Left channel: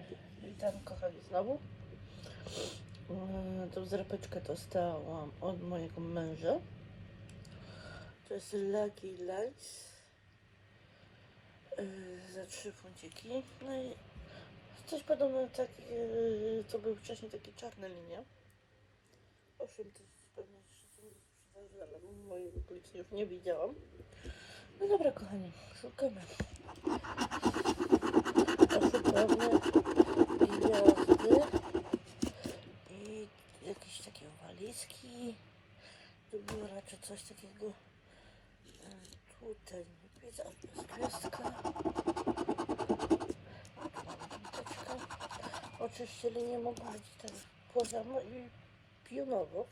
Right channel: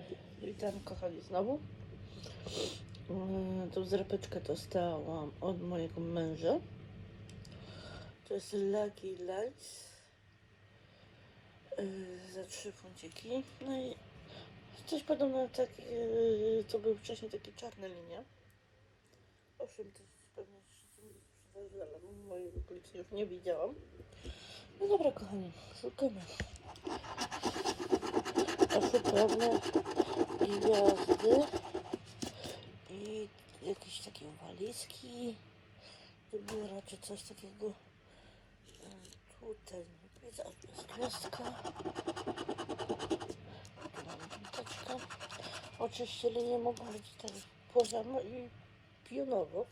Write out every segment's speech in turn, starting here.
E, witam kochani znowu. E, tą zrapeczkę dostałam od mojego męża. To jest Lucky Lights. E, za trzy funciki. No i coś podobno tak, e, co był wcześniej takie czarne linie. Owszem, to jest pewnie ale mojej okolicy już nie widziałam. No dobra kochani, szukamy. Oszukamy gwiazdy i jakieś takie walizki biura czy coś takiego. Tutaj nie widzę, gwiazdka. Oczywiście linie mogą być tak poziomo i pionowo.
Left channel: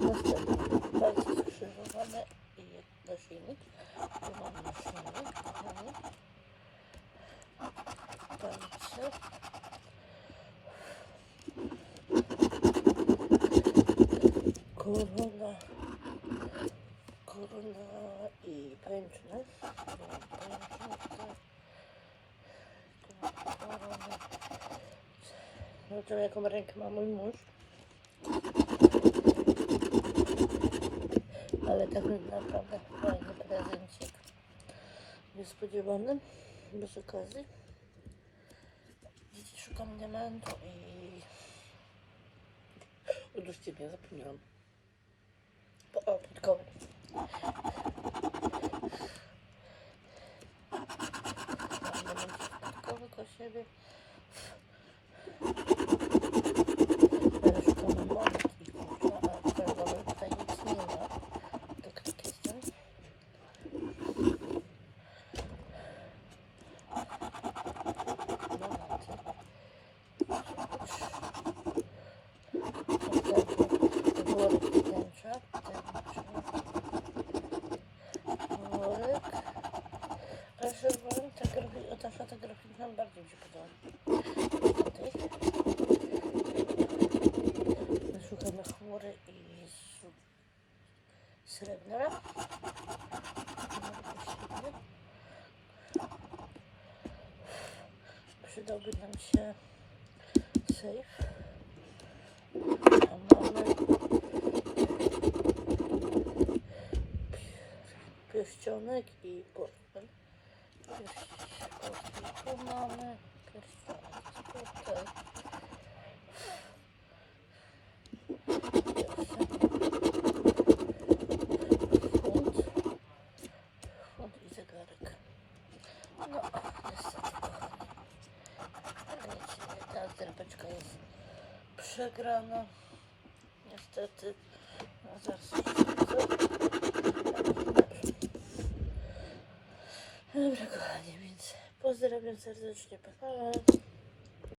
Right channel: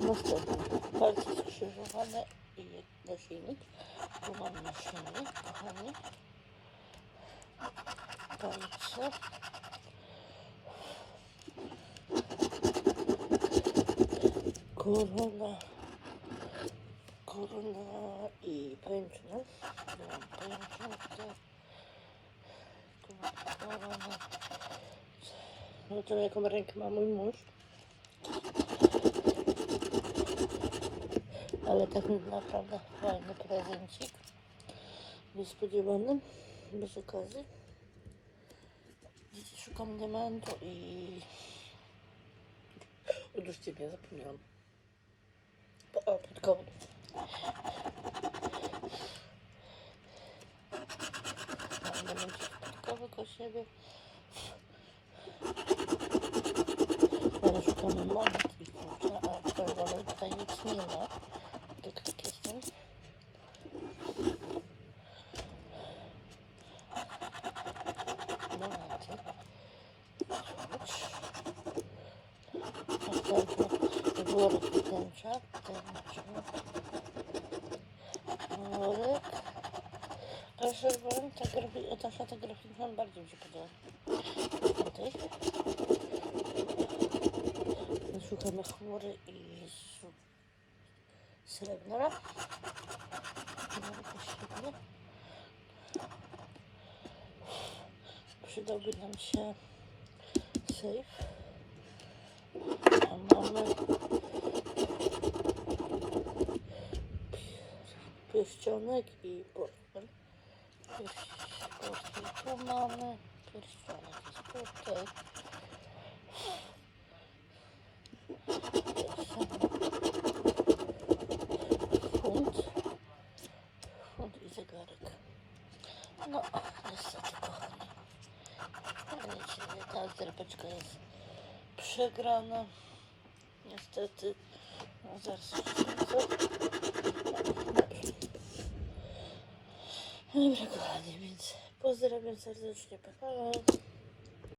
Następne palce skrzyżowane i naszyjnik. Tu Palce. Korona. Korona i pęcznik. Tu mam pęcznik. Tu mam korona. No to jaką rękę ma mój mąż. Ale tak naprawdę fajny prezencik. Niespodziewany, bez okazji. condimentos y dos chiles opinión. Oh, perdón. Normalmente, como que eu ve. Worek tęcza. Tęcza. Worek. Proszę, worek, ta, grafi- ta szata graficzna bardziej mi się podoba. Tutaj. Szukamy chmury i srebrna. Przydałby nam się safe. A mamy pierścionek i portfel. Tu mamy. Pierścionek tutaj. Funt. Funt i zegarek. No, niestety kochani. Ta zerpeczka jest przegrana. Niestety. Dobra kochani, więc pozdrawiam serdecznie. Pa, pa.